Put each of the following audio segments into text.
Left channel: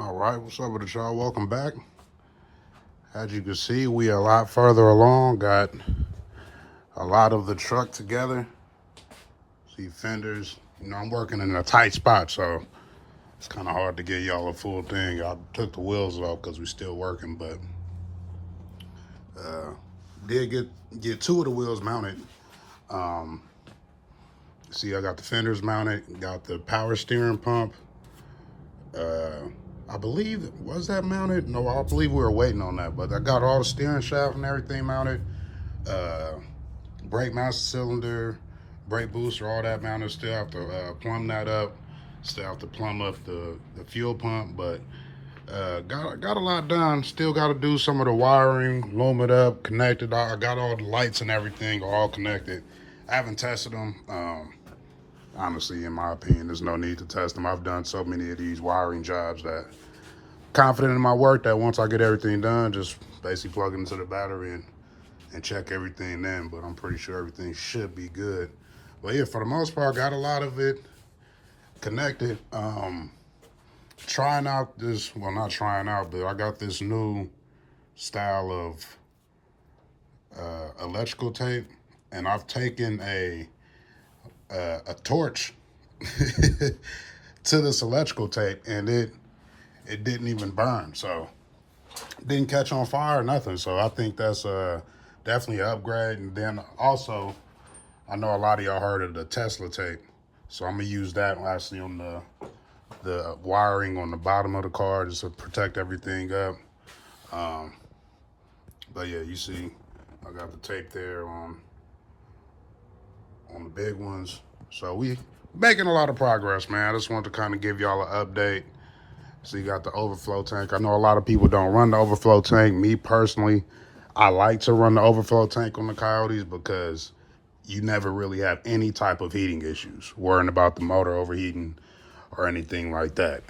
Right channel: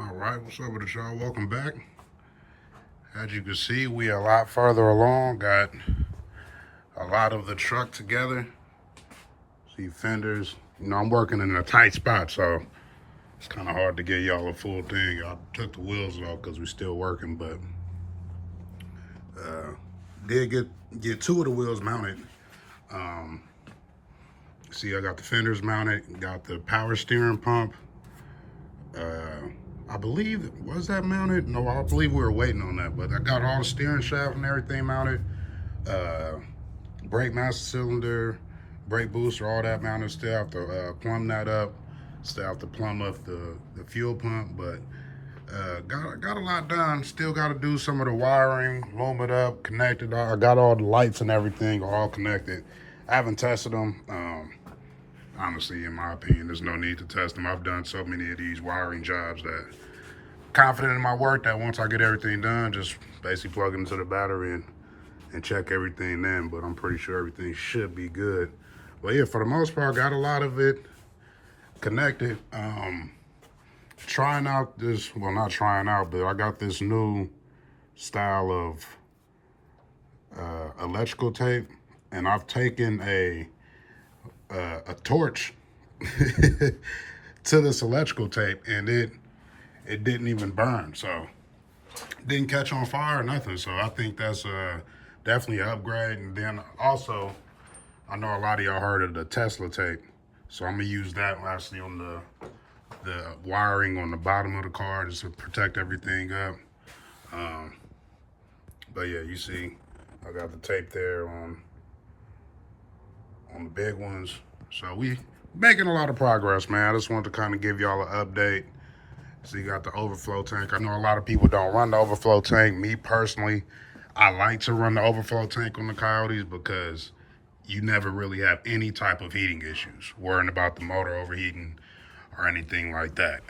All right, what's up with it, y'all? Welcome back. As you can see, we are a lot further along. Got a lot of the truck together. See fenders. You know, I'm working in a tight spot, so it's kind of hard to get y'all a full thing. I took the wheels off because we're still working, but did get two of the wheels mounted. See, I got the fenders mounted. Got the power steering pump. I believe, was that mounted? No, I believe we were waiting on that, but I got all the steering shaft and everything mounted. Brake master cylinder, brake booster, all that mounted. Still have to plumb that up. Still have to plumb up the fuel pump, but got a lot done. Still got to do some of the wiring, loom it up, connected. I got all the lights and everything all connected. I haven't tested them. Honestly, in my opinion, there's no need to test them. I've done so many of these wiring jobs that confident in my work that once I get everything done, just basically plug it into the battery and check everything then. But I'm pretty sure everything should be good. But yeah, for the most part, got a lot of it connected. Trying out this, well, not trying out, but I got this new style of electrical tape, and I've taken a torch to this electrical tape, and it didn't even burn, so didn't catch on fire or nothing. So I think that's definitely an upgrade. And then also, I know a lot of y'all heard of the Tesla tape, so I'm gonna use that actually on the wiring on the bottom of the car just to protect everything up. But yeah, you see, I got the tape there on the big ones. So we making a lot of progress, man. I just wanted to kind of give y'all an update. So you got the overflow tank. I know a lot of people don't run the overflow tank. Me personally, I like to run the overflow tank on the Coyotes because you never really have any type of heating issues, worrying about the motor overheating or anything like that.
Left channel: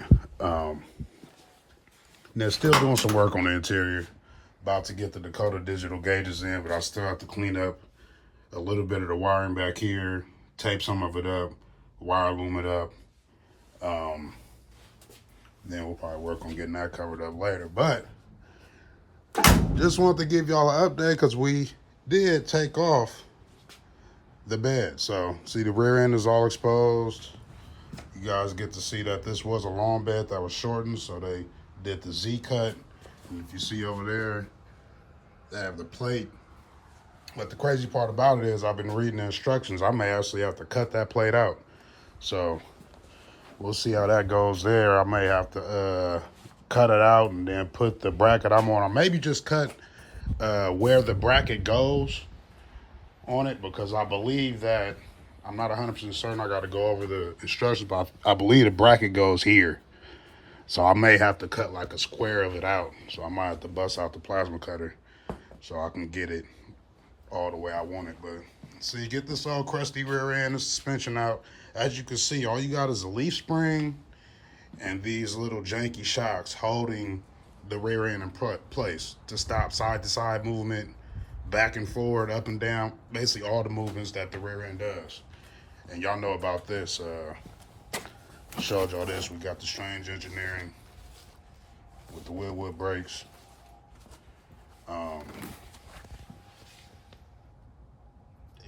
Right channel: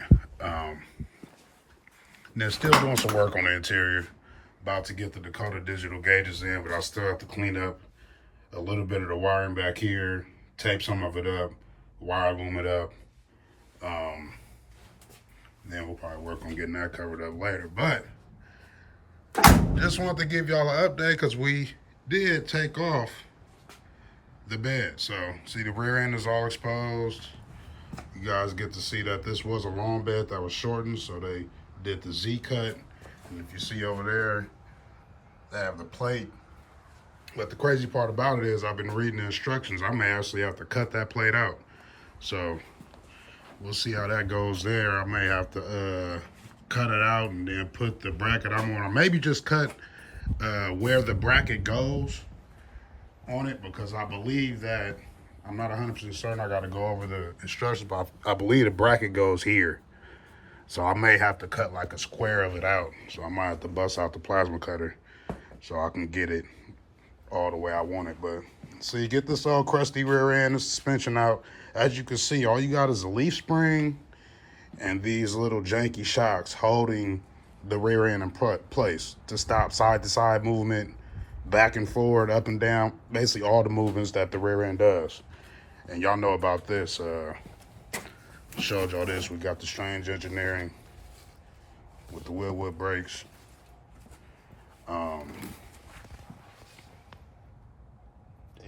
They're still doing some work on the interior. About to get the Dakota digital gauges in, but I still have to clean up a little bit of the wiring back here, tape some of it up, wire loom it up. Then we'll probably work on getting that covered up later. But just wanted to give y'all an update because we did take off the bed. So see, the rear end is all exposed. You guys get to see that this was a long bed that was shortened, so they did the Z cut. And if you see over there, they have the plate. But the crazy part about it is I've been reading the instructions. I may actually have to cut that plate out. So we'll see how that goes there. I may have to cut it out and then put the bracket I'm on. Or maybe just cut where the bracket goes on it, because I believe that, I'm not 100% certain, I got to go over the instructions, but I believe the bracket goes here. So I may have to cut like a square of it out. So I might have to bust out the plasma cutter so I can get it all the way I want it. But so you get this old crusty rear end, the suspension out. As you can see, all you got is a leaf spring and these little janky shocks holding the rear end in place to stop side to side movement, back and forward, up and down, basically all the movements that the rear end does. And y'all know about this. Showed y'all this. We got the strange engineering with the Wheelwood brakes.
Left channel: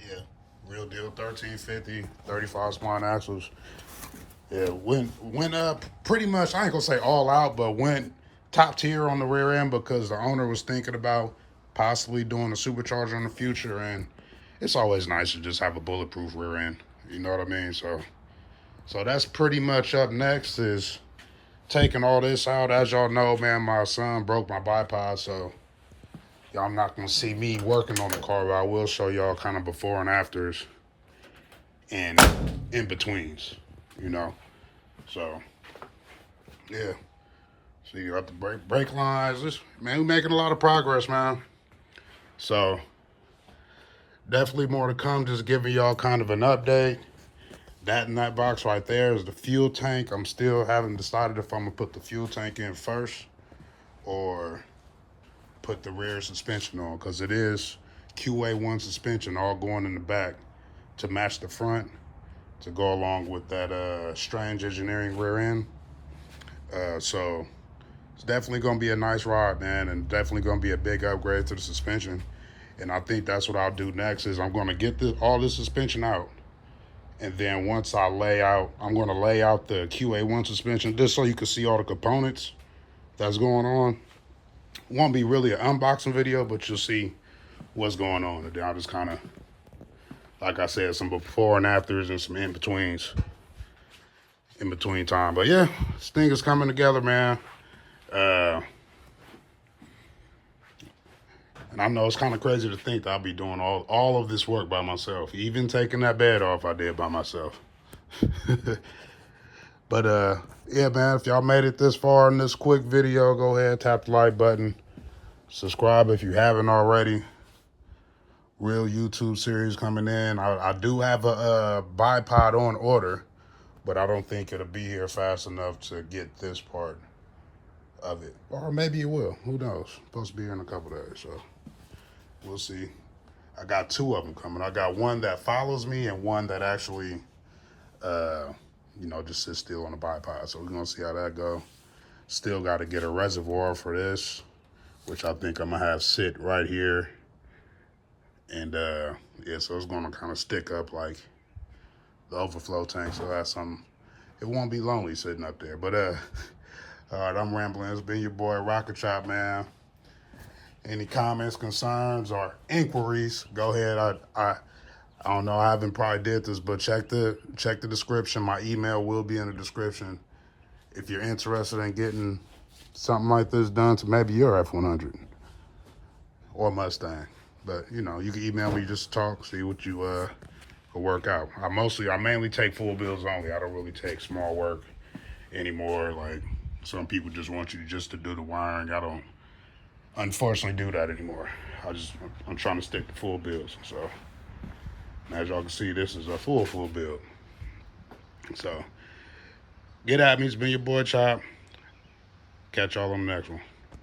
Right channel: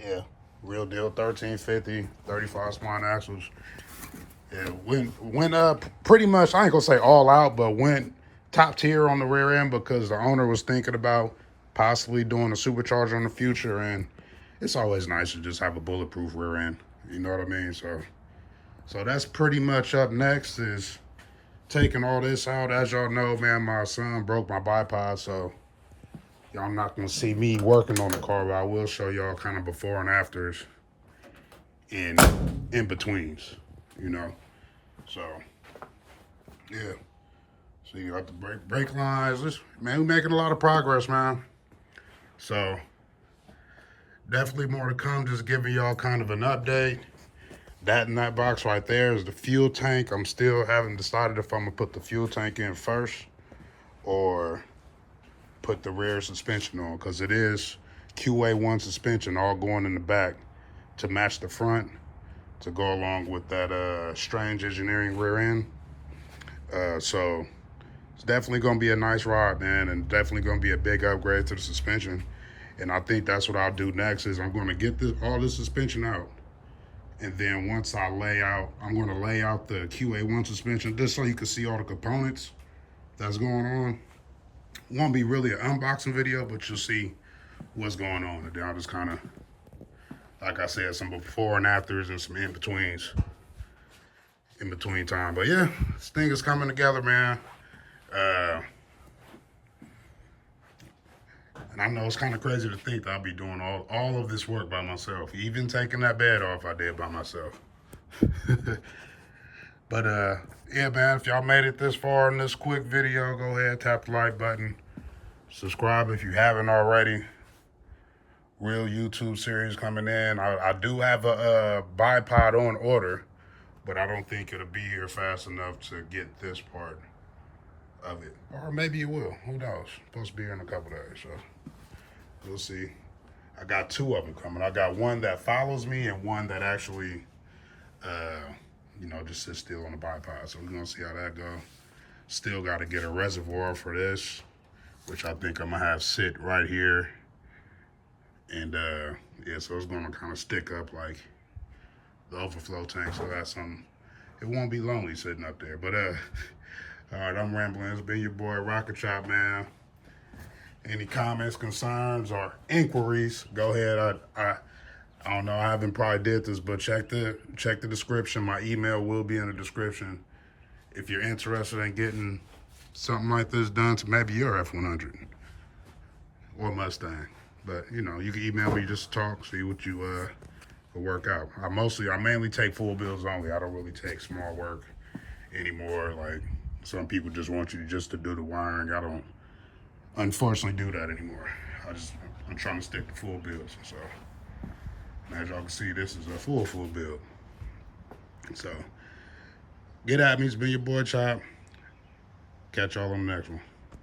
Yeah, real deal, 1350, 35 spline axles. Yeah, went up pretty much, I ain't gonna say all out, but went top tier on the rear end because the owner was thinking about possibly doing a supercharger in the future, and it's always nice to just have a bulletproof rear end. You know what I mean? So that's pretty much up next is taking all this out. As y'all know, man, my son broke my bipod, so y'all not gonna see me working on the car, but I will show y'all kind of before and afters and in betweens, you know. So yeah. So you got the brake lines. Man, we're making a lot of progress, man. So definitely more to come. Just giving y'all kind of an update. That in that box right there is the fuel tank. I'm still haven't decided if I'm gonna put the fuel tank in first or put the rear suspension on, because it is Qa1 suspension all going in the back to match the front to go along with that strange engineering rear end. So it's definitely going to be a nice ride, man, and definitely going to be a big upgrade to the suspension. And I think that's what I'll do next is I'm going to get all this suspension out. And then once I lay out, I'm going to lay out the Qa1 suspension just so you can see all the components that's going on. Won't be really an unboxing video, but you'll see what's going on. And then I'll just kind of, like I said, some before and afters and some in-betweens. In between time. But yeah, this thing is coming together, man. And I know it's kind of crazy to think that I'll be doing all of this work by myself. Even taking that bed off, I did by myself. But yeah, man, if y'all made it this far in this quick video, go ahead, tap the like button. Subscribe if you haven't already. Real YouTube series coming in. I do have a bipod on order, but I don't think it'll be here fast enough to get this part of it. Or maybe it will. Who knows? Supposed to be here in a couple days, so we'll see. I got two of them coming. I got one that follows me and one that actually, you know, just sits still on the bipod. So we're going to see how that goes. Still got to get a reservoir for this, which I think I'm going to have sit right here. And, yeah, so it's going to kind of stick up like the overflow tank, so that's something. It won't be lonely sitting up there. But all right, I'm rambling. It's been your boy Rocknchop, man. Any comments, concerns, or inquiries, go ahead. I don't know, I haven't probably did this, but check the description. My email will be in the description if you're interested in getting something like this done to maybe your F100 or Mustang. But you know, you can email me just to talk, see what you will work out. I mainly take full bills only. I don't really take small work anymore. Like some people just want you just to do the wiring. I don't, unfortunately, do that anymore. I'm trying to stick to full bills. So as y'all can see, this is a full build. So get at me. It's been your boy Chop. Catch y'all on the next one.